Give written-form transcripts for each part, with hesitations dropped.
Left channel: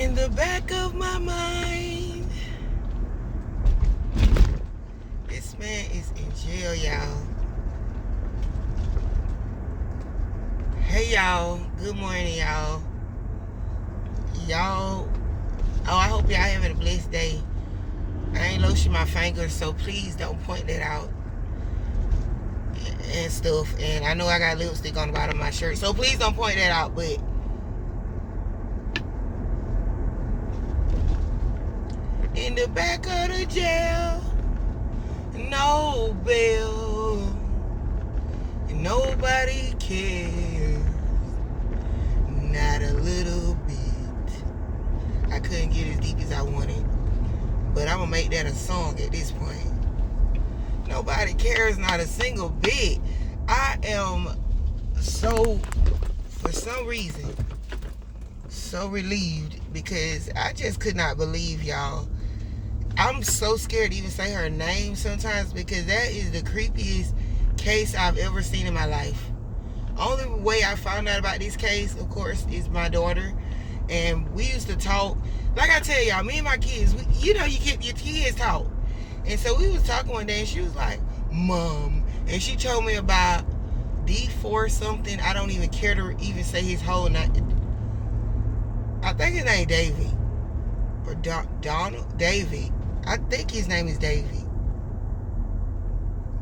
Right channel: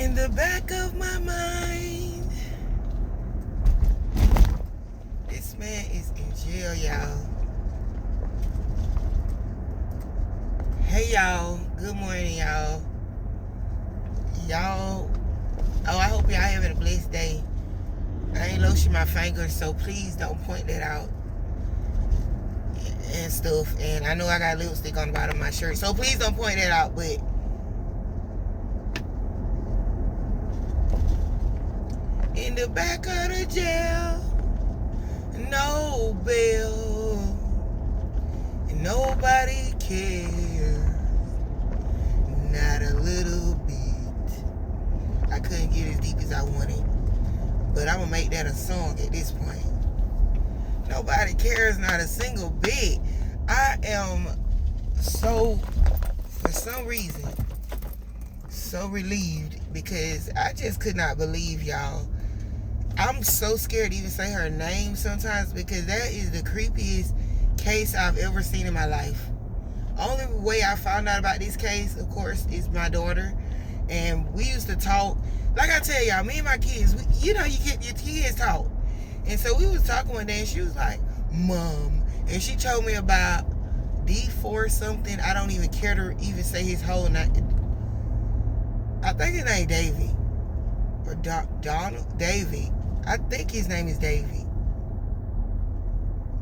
In the back of my mind, this man is in jail, y'all. Hey, y'all. Good morning, y'all. I hope y'all having a blessed day. I ain't lotion my fingers, so please don't point that out and stuff. And I know I got lipstick on the bottom of my shirt, so please don't point that out. But in the back of the jail, no bail, and nobody cares, not a little bit. I couldn't get as deep as I wanted, but I'm gonna make that a song at this point. Nobody cares, not a single bit. I am so, for some reason, so relieved because I just could not believe, y'all. I'm so scared to even say her name sometimes because that is the creepiest case I've ever seen in my life. Only way I found out about this case, of course, is my daughter. And we used to talk. Like I tell y'all, me and my kids, you get your kids talk. And so we was talking one day and she was like, Mom. And she told me about D4 something. I don't even care to even say his whole name. I think his name David. Or Donald? David. I think his name is David.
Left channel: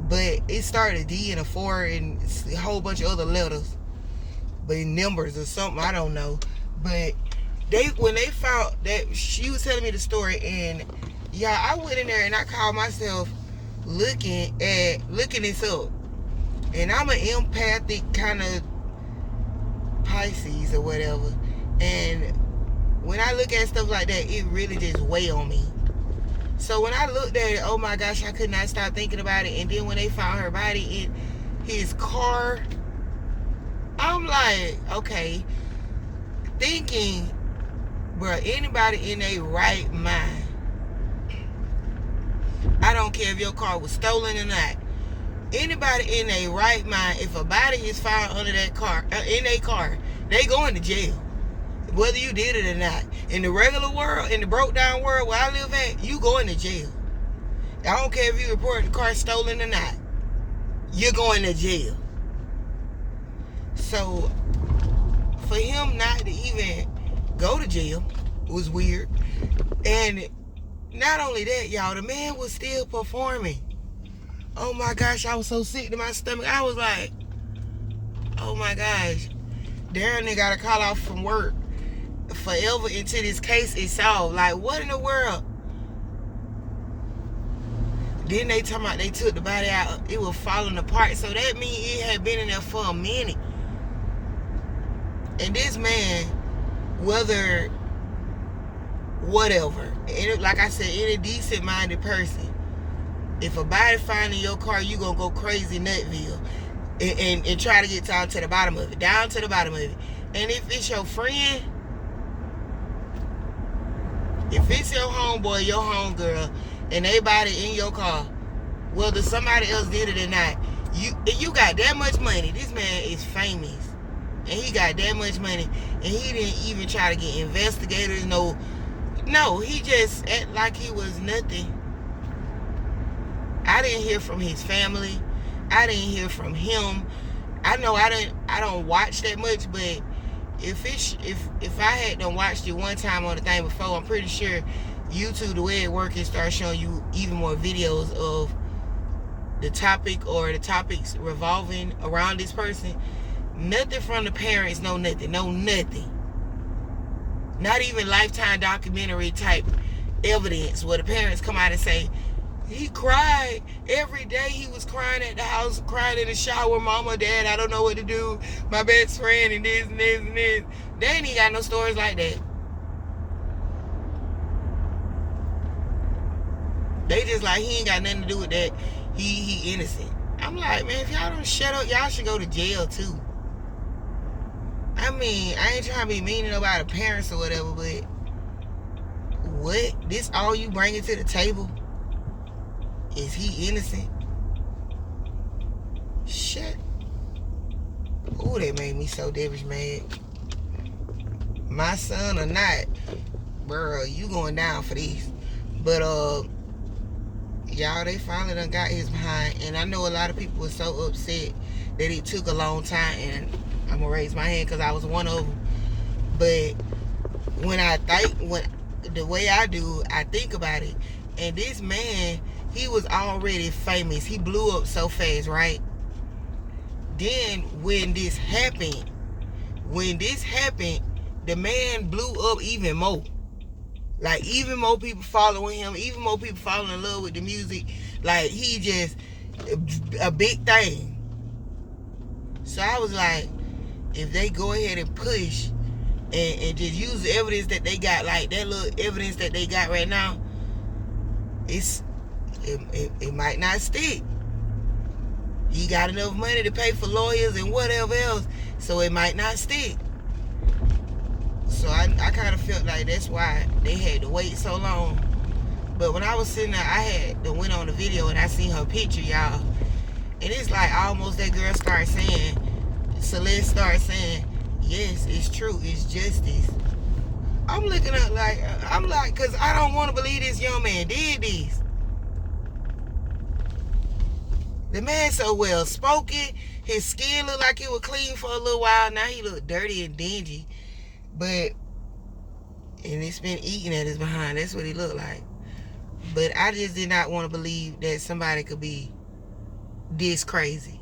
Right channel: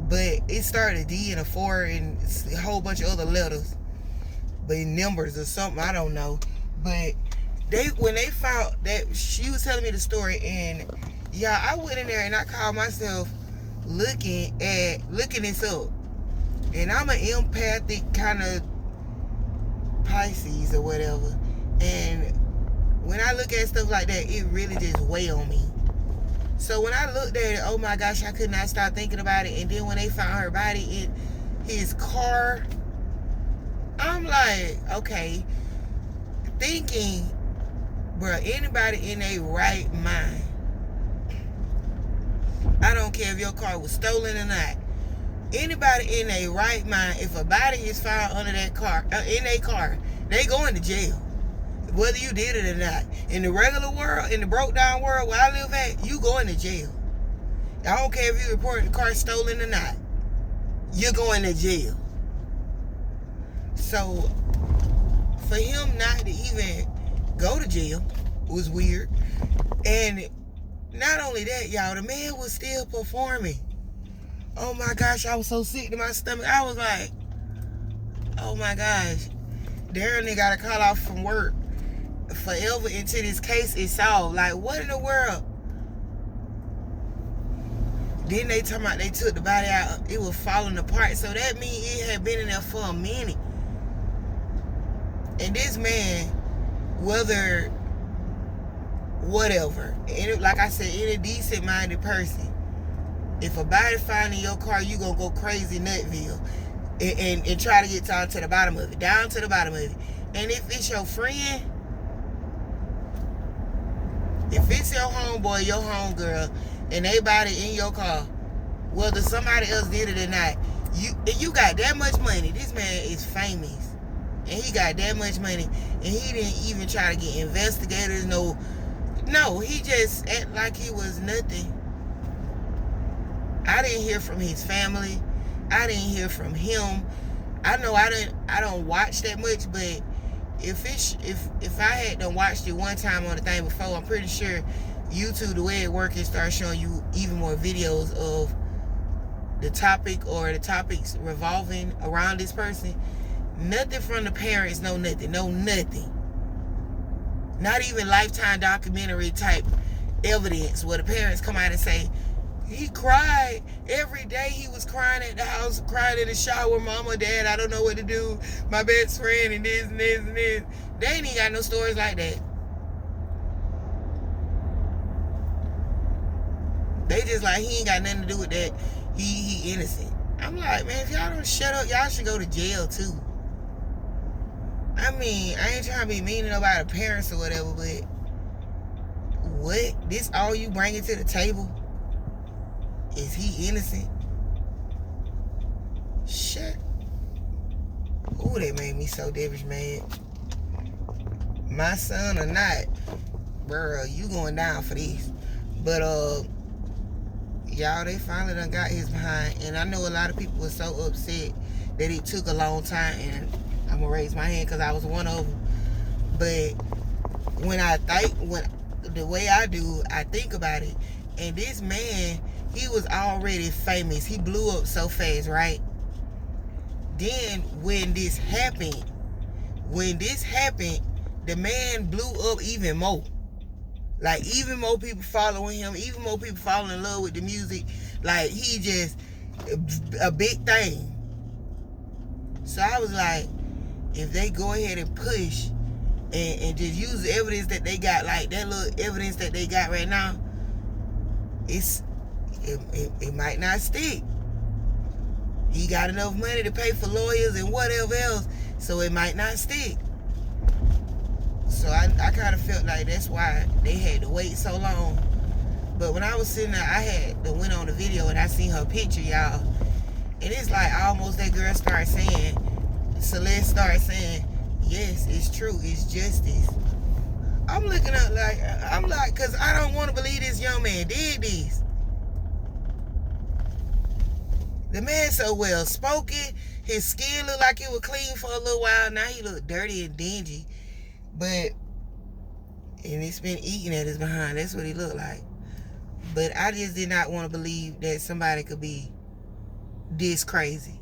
But it started a D and a 4 and a whole bunch of other letters. But numbers or something, I don't know. But when they found that, she was telling me the story, and yeah, I went in there and I called myself looking this up. And I'm an empathic kind of Pisces or whatever. And when I look at stuff like that, it really just weigh on me. So when I looked at it, oh my gosh, I could not stop thinking about it. And then when they found her body in his car, I'm like, okay, thinking, bro, anybody in a right mind, I don't care if your car was stolen or not, anybody in a right mind, if a body is found under that car, in a car, they going to jail, whether you did it or not. In the regular world, in the broke down world where I live at, you going to jail. I don't care if you report the car stolen or not, you're going to jail. So for him not to even go to jail was weird. And not only that, y'all, the man was still performing. Oh my gosh, I was so sick to my stomach. I was like, oh my gosh, Darren, they gotta call off from work forever until this case is solved. Like, what in the world? Then they talking about they took the body out, it was falling apart. So that means it had been in there for a minute. And this man, whatever, and like I said, any decent minded person, if a body found in your car, you gonna go crazy nutville and try to get down to the bottom of it. And if it's your friend, if it's your homeboy, your homegirl, and they body in your car, whether somebody else did it or not, you got that much money. This man is famous, and he got that much money, and he didn't even try to get investigators. No, he just act like he was nothing. I didn't hear from his family. I didn't hear from him. I know I don't watch that much, but if I had done watched it one time on the thing before, I'm pretty sure YouTube, the way it works, it starts showing you even more videos of the topic or the topics revolving around this person. Nothing from the parents, no nothing. Not even Lifetime documentary type evidence where the parents come out and say, he cried every day. He was crying at the house, crying in the shower. Mama, Dad, I don't know what to do. My best friend and this and this and this. They ain't even got no stories like that. They just like, he ain't got nothing to do with that. He innocent. I'm like, man, if y'all don't shut up, y'all should go to jail too. I mean, I ain't trying to be mean to nobody, parents or whatever, but what? This all you bringing to the table? Is he innocent? Shit. Ooh, they made me so devilish mad. My son or not, bro, you going down for this. But y'all, they finally done got his behind, and I know a lot of people were so upset that it took a long time, and I'm gonna raise my hand because I was one of them. But the way I do, I think about it, and this man, he was already famous. He blew up so fast, right? Then when this happened, the man blew up even more. Like, even more people following him, even more people falling in love with the music. Like, he just a big thing. So I was like, if they go ahead and push and just use the evidence that they got, like that little evidence that they got right now, it might not stick. He got enough money to pay for lawyers and whatever else, so it might not stick. So I kind of felt like that's why they had to wait so long. But when I was sitting there, I had to went on the video and I seen her picture, y'all. And it's like almost that girl started saying, Celeste started saying, yes, it's true, it's justice. I'm looking up like, because I don't want to believe this young man did this. The man so well spoken, his skin looked like it was clean for a little while. Now he look dirty and dingy. And it's been eating at his behind. That's what he looked like. But I just did not want to believe that somebody could be this crazy.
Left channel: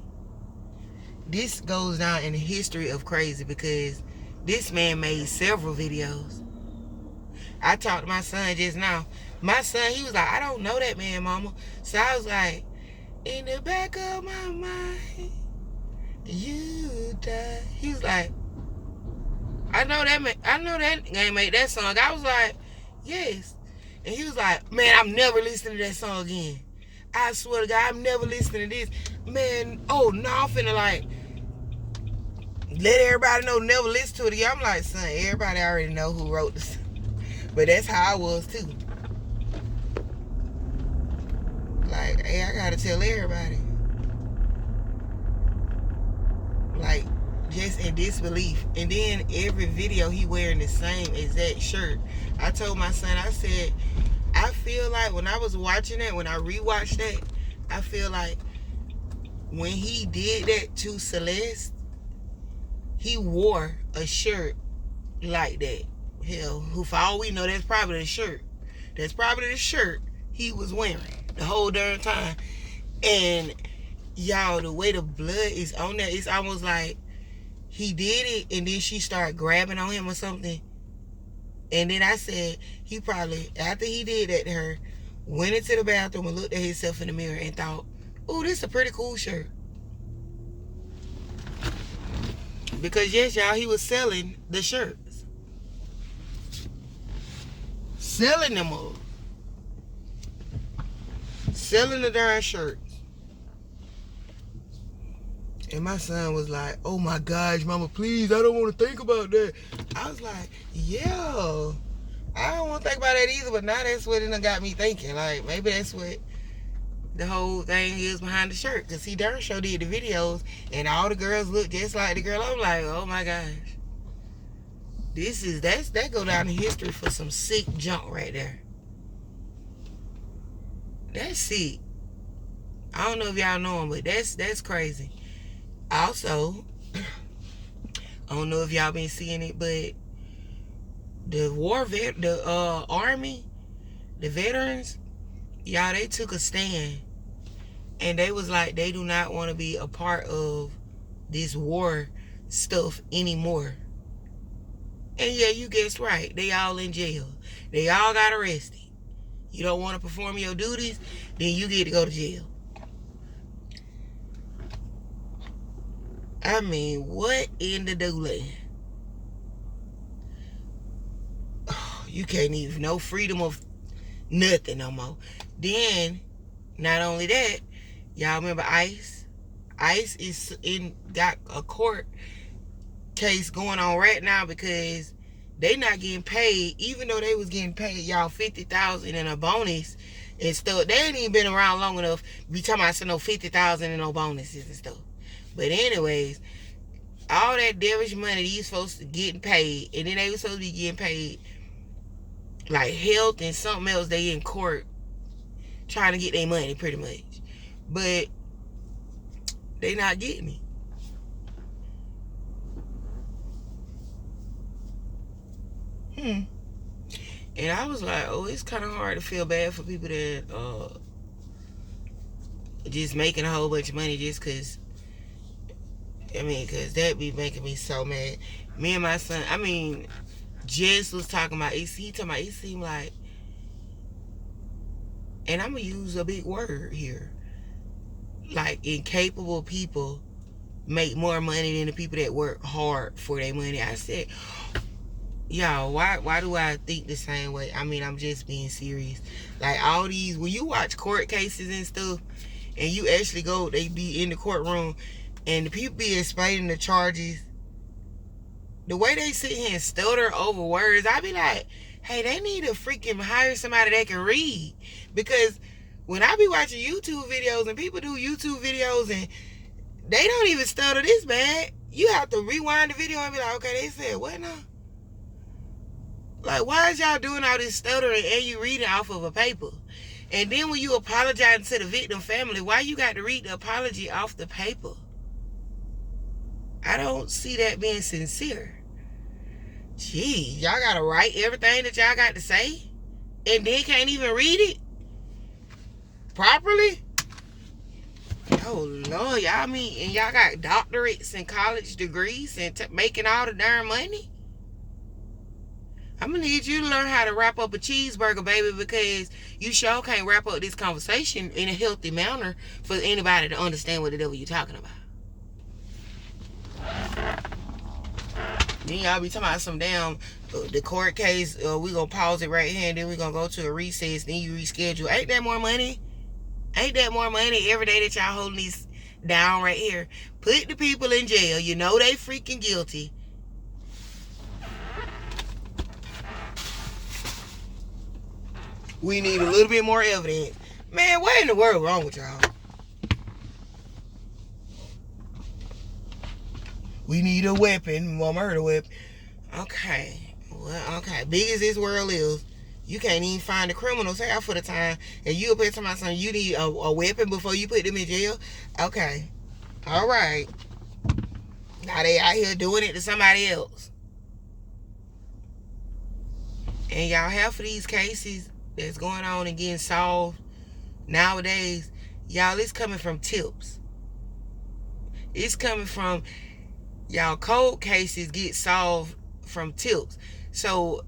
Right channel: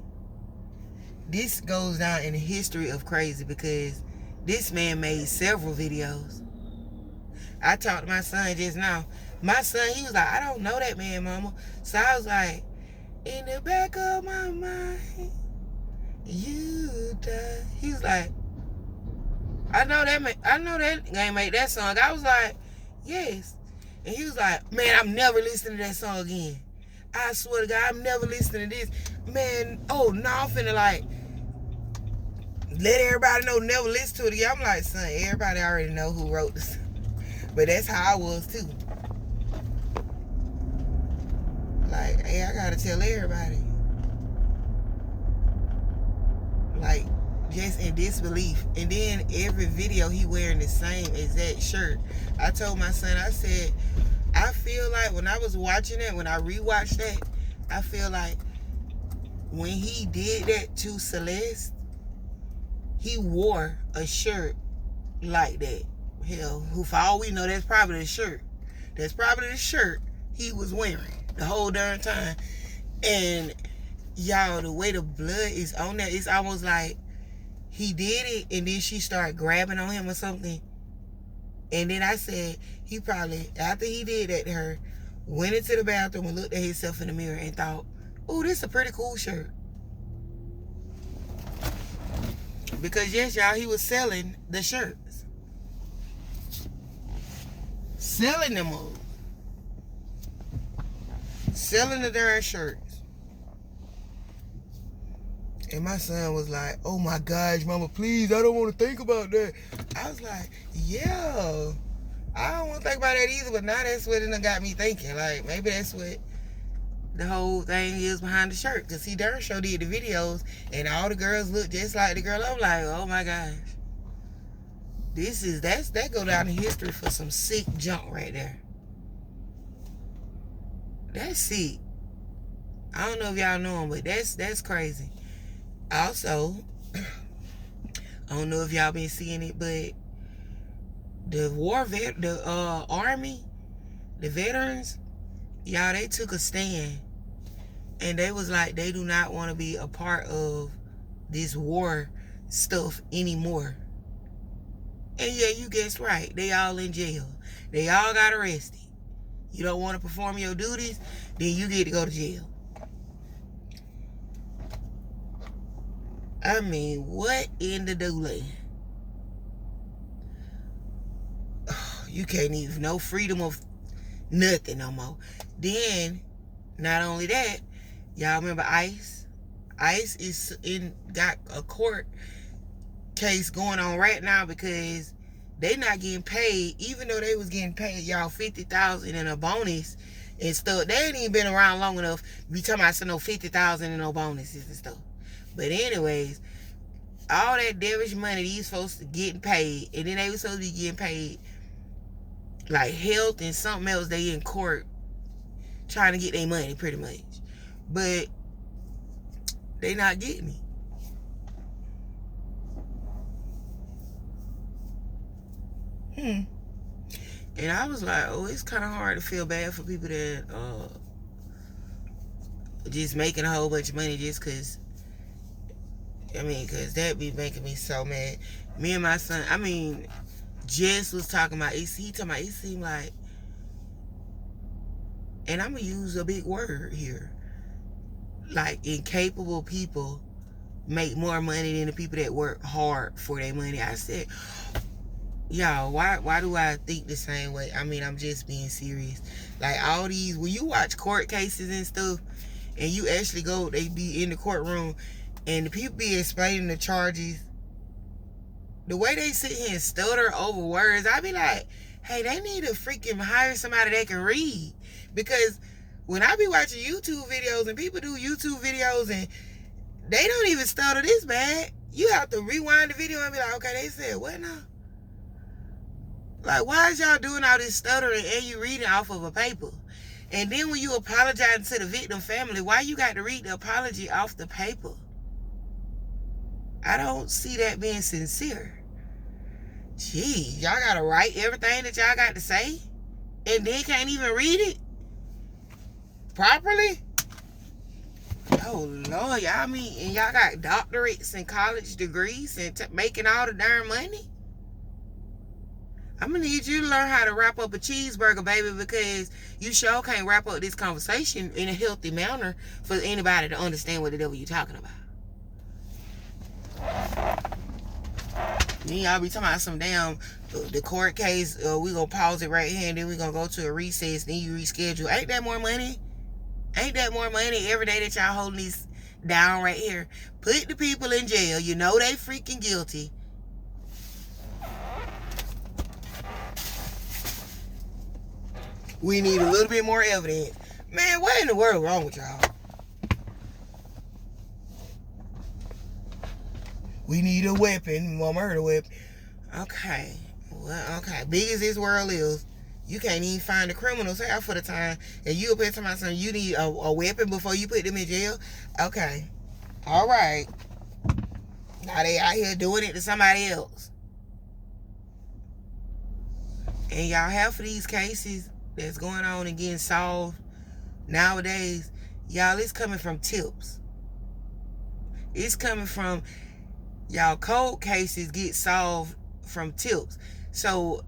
This goes down in the history of crazy because this man made several videos. I talked to my son just now. My son, he was like, I don't know that man, mama. So I was like, in the back of my mind, you died. He was like, I know that game made that song. I was like, yes. And he was like, man, I'm never listening to that song again. I swear to God, I'm never listening to this. Man, oh no, I'm finna like let everybody know, never listen to it again. I'm like, son, everybody already know who wrote this. But that's how I was too. Like, hey, I gotta tell everybody. Like, just in disbelief. And then every video he wearing the same exact shirt. I told my son, I said, I feel like when I was watching it, when I rewatched that, I feel like when he did that to Celeste, he wore a shirt like that. Hell, who for all we know, that's probably the shirt. That's probably the shirt he was wearing the whole darn time. And y'all, the way the blood is on there, it's almost like he did it and then she started grabbing on him or something. And then I said, he probably, after he did that to her, went into the bathroom and looked at himself in the mirror and thought, oh, this is a pretty cool shirt. Because yes, y'all, he was selling the shirts. Selling them all. Selling the darn shirts. And my son was like, oh my gosh, mama, please, I don't want to think about that. I was like, yeah, I don't want to think about that either, but now that's what it done got me thinking. Like, maybe that's what the whole thing is behind the shirt. Because he darn sure did the videos, and all the girls look just like the girl. I'm like, oh my gosh. That go down in history for some sick junk right there. That's sick. I don't know if y'all know him, but that's crazy. Also, I don't know if y'all been seeing it, but the army, the veterans, y'all, they took a stand, and they was like, they do not want to be a part of this war stuff anymore. And yeah, you guessed right, they all in jail. They all got arrested. You don't want to perform your duties, then you get to go to jail. I mean, what in the dooley? Oh, you can't even, no freedom of nothing no more. Then, not only that, y'all remember ICE? ICE got a court case going on right now because they not getting paid, even though they was getting paid, y'all, $50,000 in a bonus and stuff. They ain't even been around long enough to be talking about no $50,000 in no bonuses and stuff. But anyways, all that devilish money these folks getting paid, and then they were supposed to be getting paid like health and something else. They in court trying to get their money, pretty much, but they not getting it. And I was like, oh, it's kind of hard to feel bad for people that just making a whole bunch of money just because. I mean, because that be making me so mad. Me and my son, I mean, Jess was talking about, he talking about, it seemed like, and I'm going to use a big word here, like incapable people make more money than the people that work hard for their money. I said, y'all, why do I think the same way? I mean, I'm just being serious. Like all these, when you watch court cases and stuff, and you actually go, they be in the courtroom, and the people be explaining the charges, the way they sit here and stutter over words, I be like, hey, they need to freaking hire somebody that can read. Because when I be watching YouTube videos and people do YouTube videos and they don't even stutter this bad, you have to rewind the video and be like, okay, they said what now? Like, why is y'all doing all this stuttering and you reading off of a paper? And then when you apologize to the victim family, why you got to read the apology off the paper? I don't see that being sincere. Gee, y'all gotta write everything that y'all got to say and then can't even read it properly? Oh Lord, y'all mean, and y'all got doctorates and college degrees and making all the darn money? I'm gonna need you to learn how to wrap up a cheeseburger, baby, because you sure can't wrap up this conversation in a healthy manner for anybody to understand what the devil you talking about. Then y'all be talking about some damn the court case. We gonna pause it right here and then we gonna go to a recess. Then you reschedule. Ain't that more money? Ain't that more money every day that y'all holding these down right here? Put the people in jail. You know they freaking guilty. We need a little bit more evidence. Man, what in the world wrong with y'all? We need a weapon, a murder weapon. Okay. Well, okay. Big as this world is, you can't even find the criminals half for the time. And you put somebody saying you need a weapon before you put them in jail? Okay. All right. Now they out here doing it to somebody else. And y'all, half of these cases that's going on and getting solved nowadays, y'all, it's coming from tips. It's coming from, y'all, cold cases get solved from tips. So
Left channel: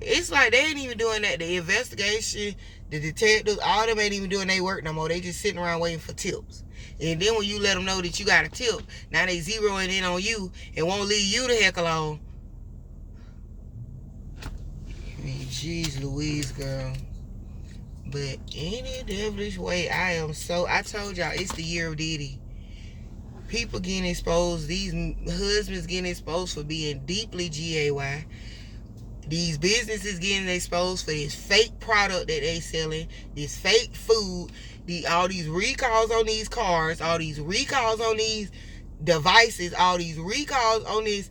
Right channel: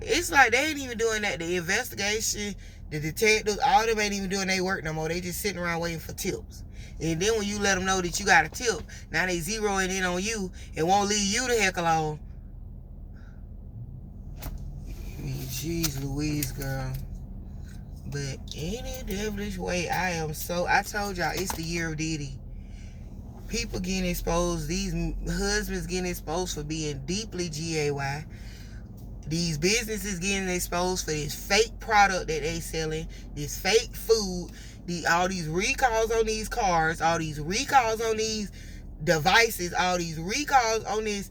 it's like they ain't even doing that. The investigation, the detectives, all of them ain't even doing their work no more. They just sitting around waiting for tips. And then when you let them know that you got a tip, now they zeroing in on you and won't leave you the heck alone. I mean, jeez Louise, girl. But any devilish way, I told y'all, it's the year of Diddy. People getting exposed, these husbands getting exposed for being deeply GAY. These businesses getting exposed for this fake product that they selling, this fake food, all these recalls on these cars, all these recalls on these devices, all these recalls on this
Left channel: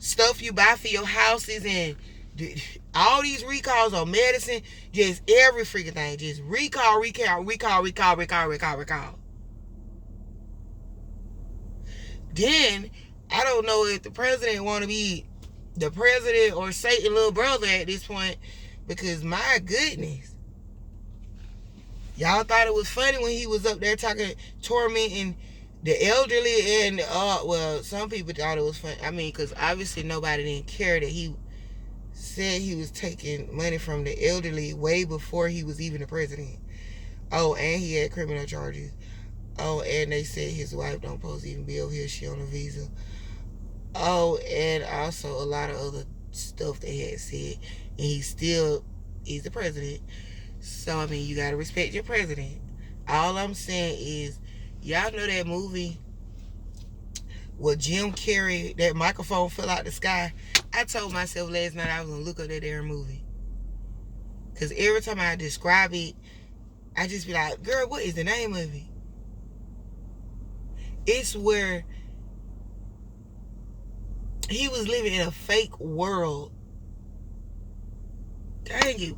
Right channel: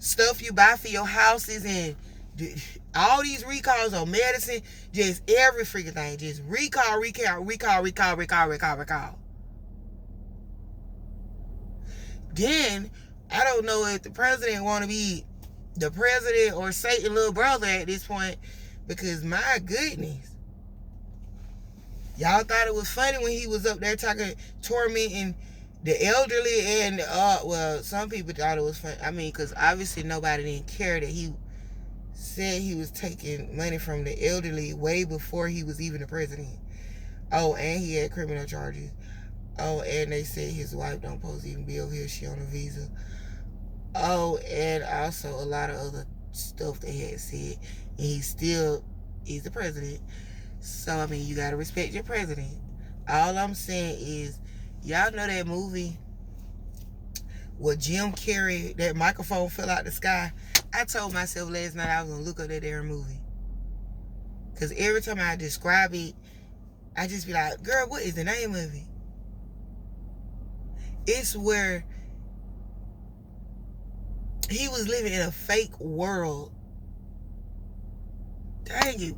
stuff you buy for your houses, and all these recalls on medicine, just every freaking thing, just recall. Then, I don't know if the president want to be the president or Satan's little brother at this point, because my goodness, y'all thought it was funny when he was up there tormenting the elderly, and well, some people thought it was funny. I mean, because obviously nobody didn't care that he said he was taking money from the elderly way before he was even the president. Oh, and he had criminal charges. Oh, and they said his wife don't supposed to even be over here. She on a visa. Oh, and also a lot of other stuff they had said. And he's the president. So, I mean, you got to respect your president. All I'm saying is, y'all know that movie where Jim Carrey, that microphone fell out the sky? I told myself last night I was going to look up that damn movie. Because every time I describe it, I just be like, girl, what is the name of it? It's where he was living in a fake world dang it,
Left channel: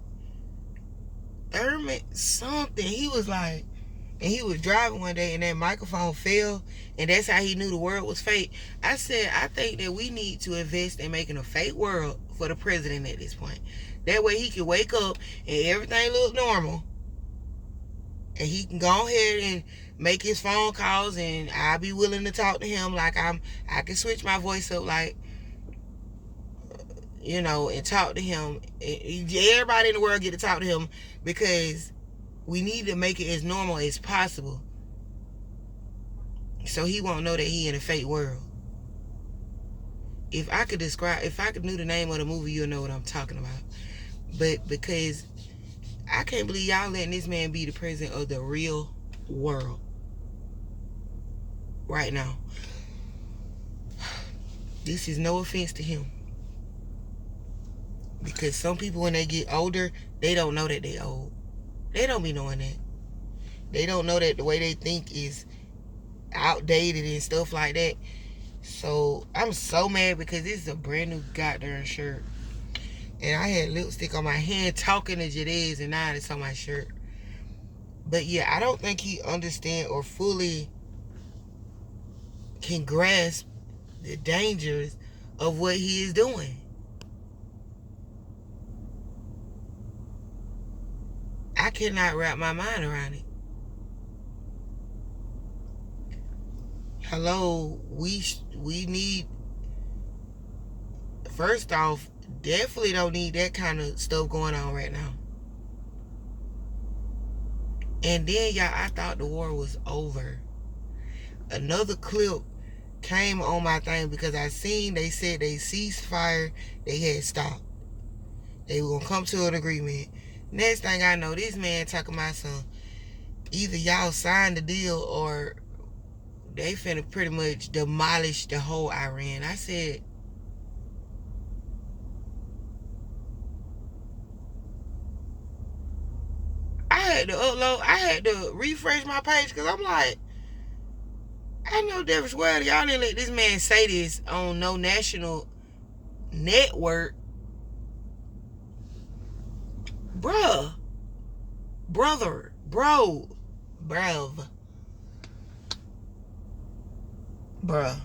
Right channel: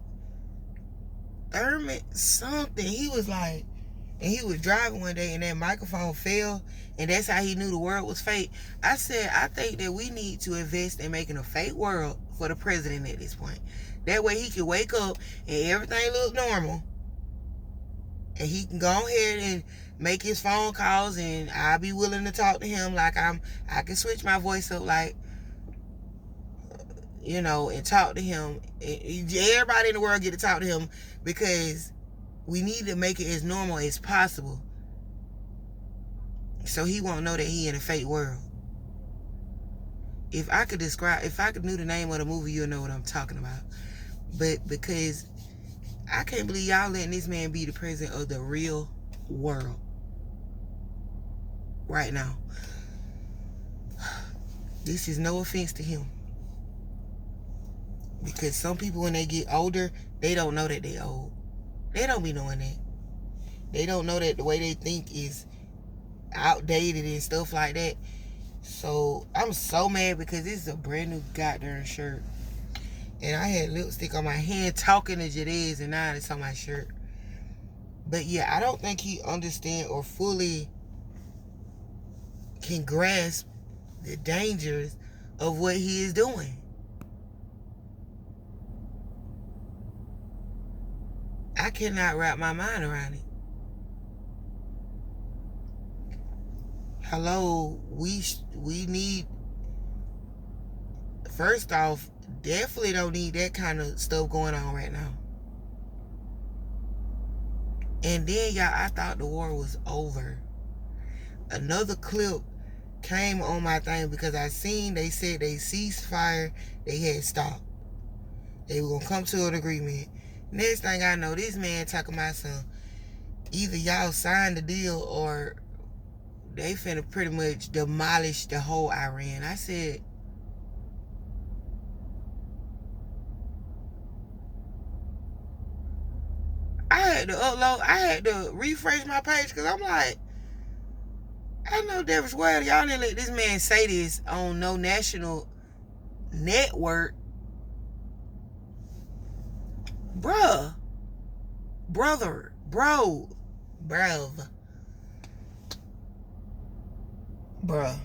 Thurman something. He was like, and he was driving one day and that microphone fell, and that's how he knew the world was fake. I said, I think that we need to invest in making a fake world for the president at this point. That way he can wake up and everything look normal, and he can go ahead and make his phone calls, and I'll be willing to talk to him like I can switch my voice up, like, you know, and talk to him. Everybody in the world get to talk to him, because we need to make it as normal as possible, so he won't know that he in a fake world. If I could knew the name of the movie, you'll know what I'm talking about. But because I can't believe y'all letting this man be the president of the real world right now. This is no offense to him, because some people, when they get older, they don't know that they old. They don't be knowing that. They don't know that the way they think is outdated and stuff like that. So I'm so mad, because this is a brand new goddamn shirt, and I had lipstick on my hand talking to Jadez, and now it's on my shirt. But yeah, I don't think he understand or fully can grasp the dangers of what he is doing. I cannot wrap my mind around it. Hello, we need, first off, definitely don't need that kind of stuff going on right now. And then, y'all, I thought the war was over. Another clip came on my thing, because I seen they said they ceased fire, they had stopped. They were going to come to an agreement. Next thing I know, this man talking about some, either y'all signed the deal or they finna pretty much demolish the whole Iran. I said, I had to refresh my page, because I'm like, I know Davis Wade, y'all didn't let this man say this on no national network. Bruh. Brother. Bro. Bruv. Bruh.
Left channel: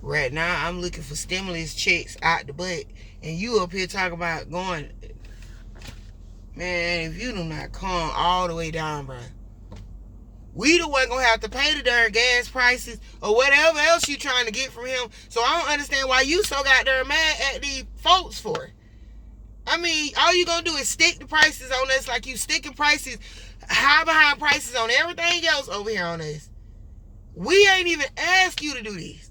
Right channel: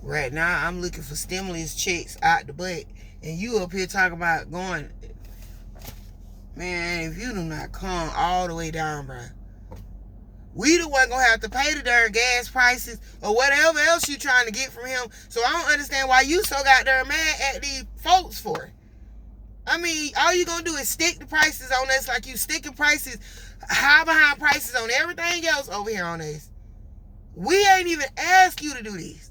Right now, I'm looking for stimulus checks out the butt, and you up here talking about going, man, if you do not calm all the way down, bruh, we the one gonna have to pay the darn gas prices or whatever else you trying to get from him. So I don't understand why you so goddamn mad at these folks for. I mean, all you gonna do is stick the prices on us like you sticking prices, high behind prices on everything else over here on us. We ain't even asked you to do this.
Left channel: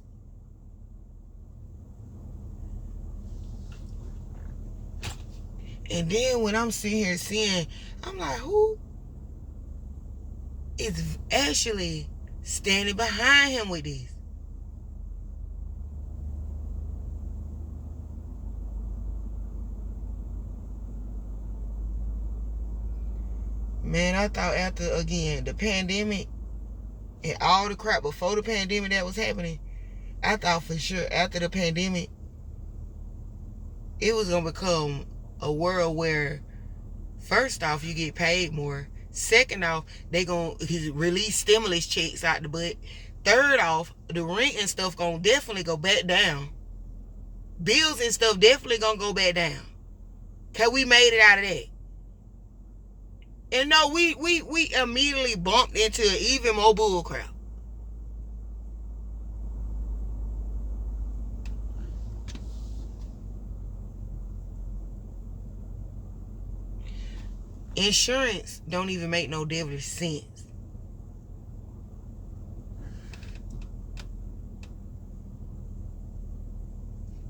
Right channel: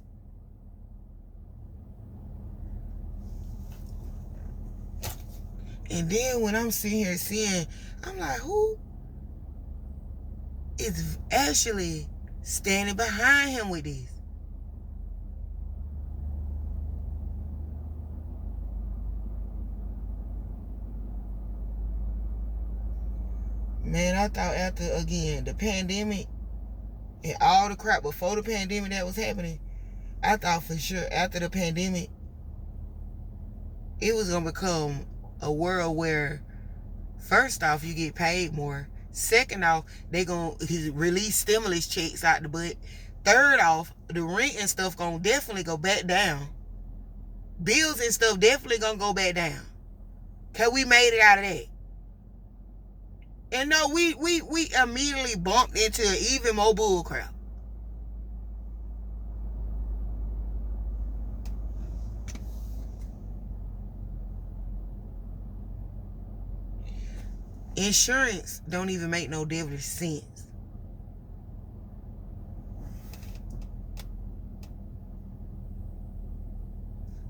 And then when I'm sitting here seeing, I'm like, who is actually standing behind him with this? Man, I thought after, again, the pandemic and all the crap before the pandemic that was happening, I thought for sure after the pandemic, it was going to become a world where, first off, you get paid more. Second off, they going to release stimulus checks out the butt. Third off, the rent and stuff going to definitely go back down. Bills and stuff definitely going to go back down. Because we made it out of that. And no, we immediately bumped into even more bull crap. Insurance don't even make no devilish sense.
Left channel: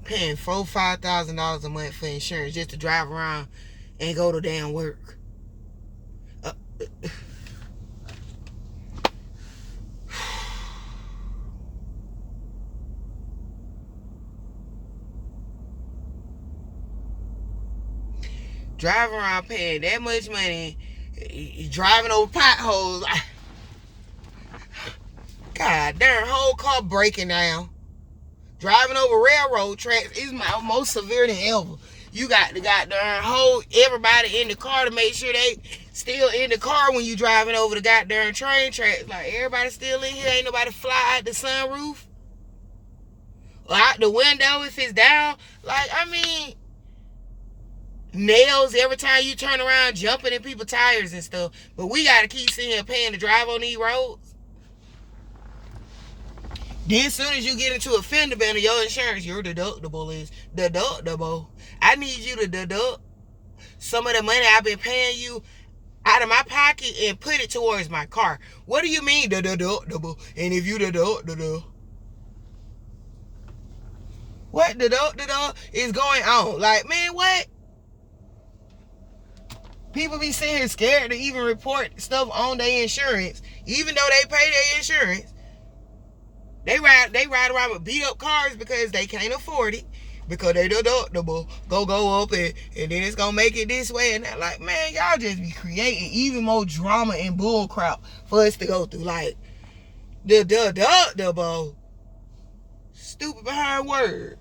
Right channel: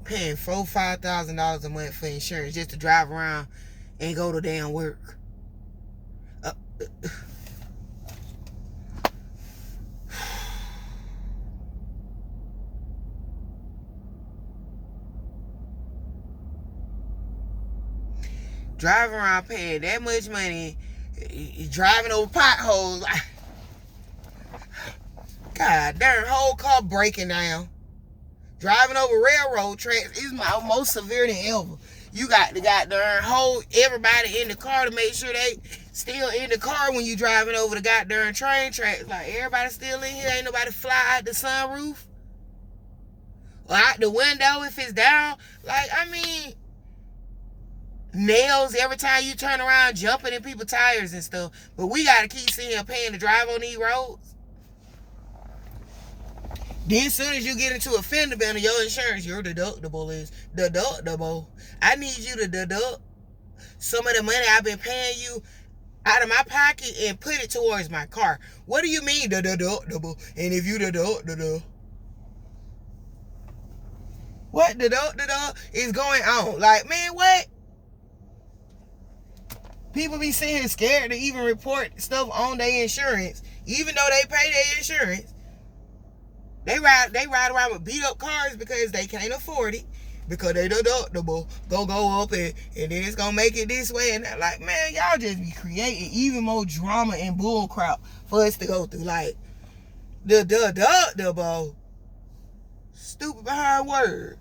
Paying $4,000-$5,000 a month for insurance just to drive around and go to damn work. Driving around paying that much money, driving over potholes. God darn, whole car breaking down. Driving over railroad tracks is my most severe than ever. You got the goddamn whole everybody in the car to make sure they still in the car when you driving over the goddamn train tracks. Like, everybody still in here. Ain't nobody fly out the sunroof or out the window if it's down. Like, I mean, nails every time you turn around, jumping in people's tires and stuff. But we got to keep sitting here paying to drive on these roads. Then as soon as you get into a fender bender, your insurance, your deductible is deductible. I need you to deduct some of the money I've been paying you out of my pocket and put it towards my car. What do you mean the deductible? And if you deduct, what deductible is going on? Like, man, what? People be sitting here scared to even report stuff on their insurance, even though they pay their insurance. They ride around with beat up cars because they can't afford it, because they deductible go up and then it's gonna make it this way and that. Like, man, y'all just be creating even more drama and bull crap for us to go through. Like, the deductible, stupid behind word.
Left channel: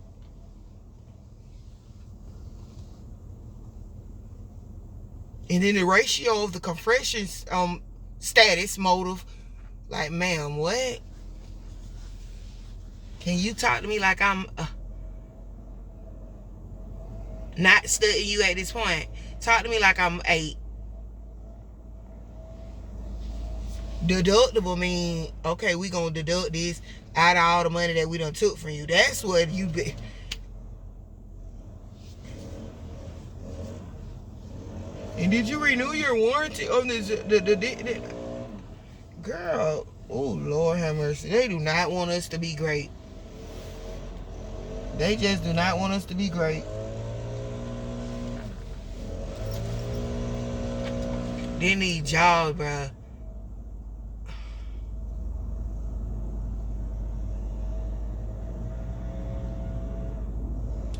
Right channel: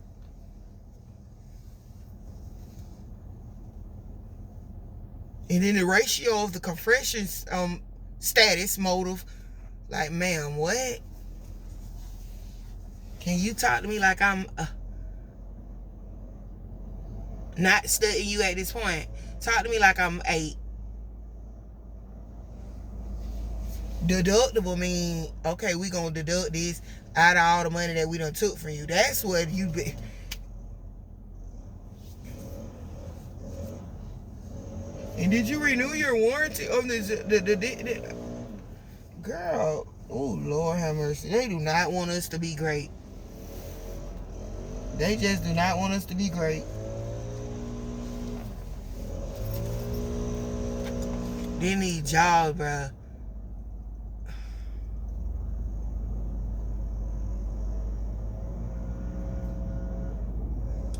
And then the ratio of the compression status motive. Like, ma'am, what? Can you talk to me like I'm not studying you at this point? Talk to me like I'm 8. Deductible mean, okay, we gonna deduct this out of all the money that we done took from you. That's what you be. And did you renew your warranty on this? Girl, oh Lord have mercy. They do not want us to be great. They just do not want us to be great. They need jobs, bruh.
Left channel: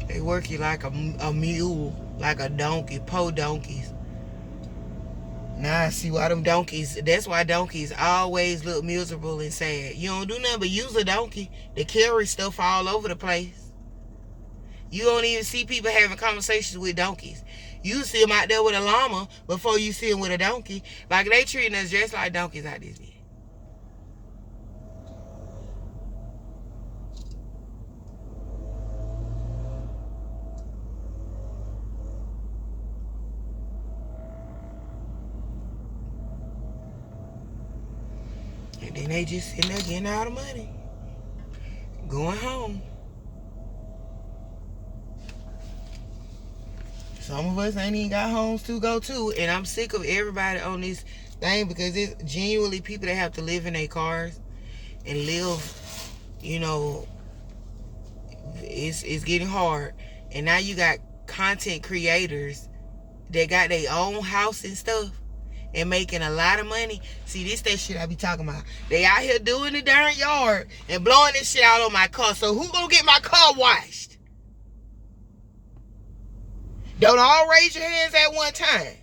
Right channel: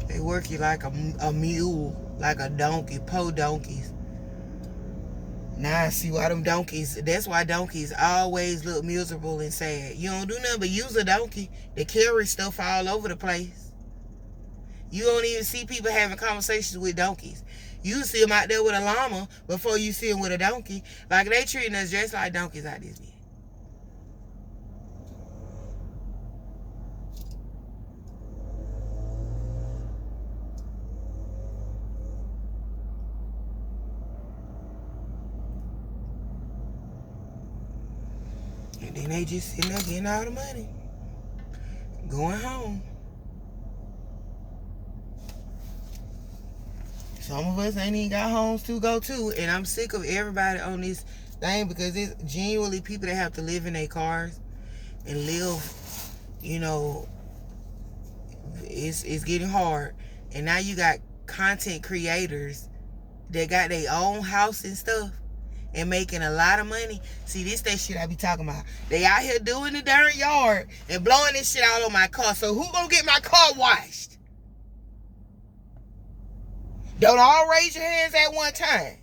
They work you like a mule, like a donkey, po donkeys. Now I see why them donkeys, that's why donkeys always look miserable and sad. You don't do nothing but use a donkey to carry stuff all over the place. You don't even see people having conversations with donkeys. You see them out there with a llama before you see them with a donkey. Like, they treating us just like donkeys out this bitch. And then they just sitting there getting all the money, going home. Some of us ain't even got homes to go to, and I'm sick of everybody on this thing because it's genuinely people that have to live in their cars and live, you know, it's getting hard. And now you got content creators that got their own house and stuff and making a lot of money. See, this that shit I be talking about. They out here doing the darn yard and blowing this shit out on my car. So who gonna get my car washed? Don't all raise your hands at one time.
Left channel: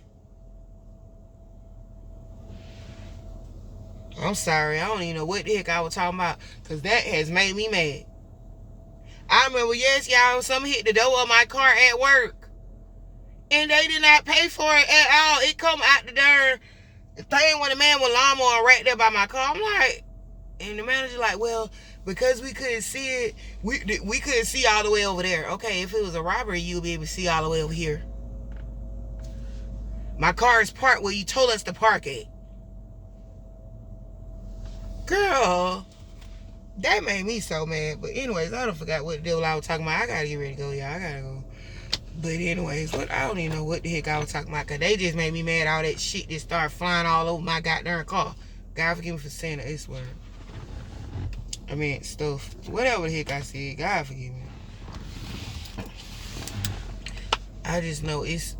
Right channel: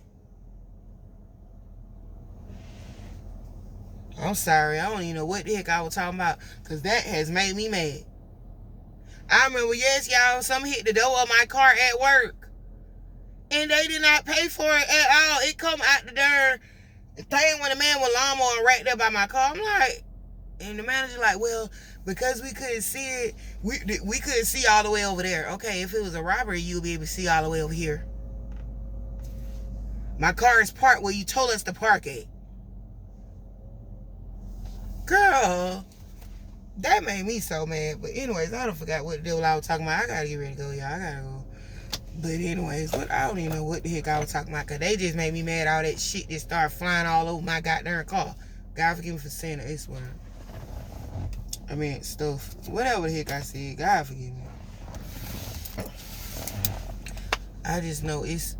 I'm sorry, I don't even know what the heck I was talking about, because that has made me mad. I remember, yes, y'all, something hit the door of my car at work, and they did not pay for it at all. It come out the darn thing when the man with lawnmower right there by my car. I'm like, and the manager like, well, because we couldn't see it, we couldn't see all the way over there. Okay, if it was a robbery, you'll be able to see all the way over here. My car is parked where you told us to park it. Girl, that made me so mad. But anyways, I don't forgot what the deal I was talking about. I gotta get ready to go, y'all. I gotta go. But anyways, I don't even know what the heck I was talking about, because they just made me mad. All that shit just started flying all over my goddamn car. God forgive me for saying the S word. I mean, stuff. Whatever the heck I said, God forgive me. I just know it's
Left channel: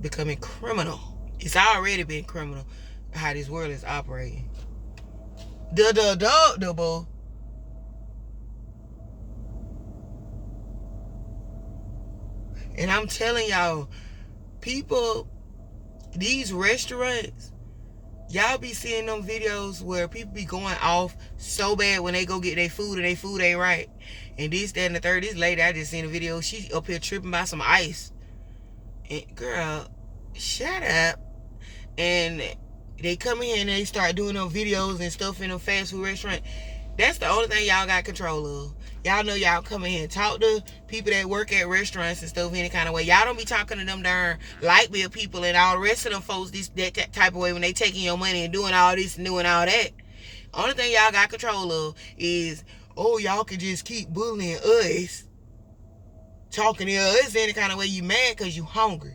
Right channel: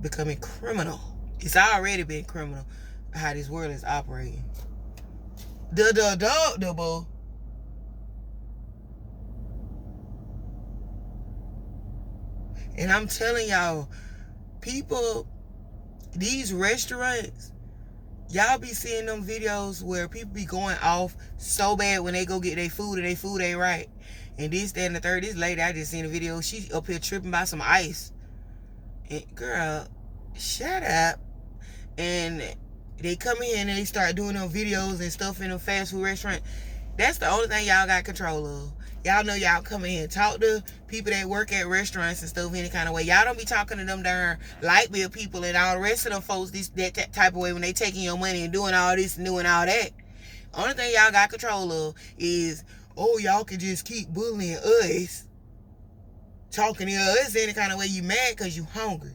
becoming criminal. It's already been criminal how this world is operating. Deductible. And I'm telling y'all, people, these restaurants, Y'all be seeing them videos where people be going off so bad when they go get their food and their food ain't right. And this, that, and the third. This lady, I just seen a video. She up here tripping by some ice. And girl, shut up. And they come in and they start doing them videos and stuff in a fast food restaurant. That's the only thing y'all got control of. Y'all know y'all come in here and talk to people that work at restaurants and stuff any kind of way. Y'all don't be talking to them darn light bill people and all the rest of them folks that type of way when they taking your money and doing all this and doing all that. Only thing y'all got control of is, oh, y'all can just keep bullying us, talking to us any kind of way. You mad because you hungry.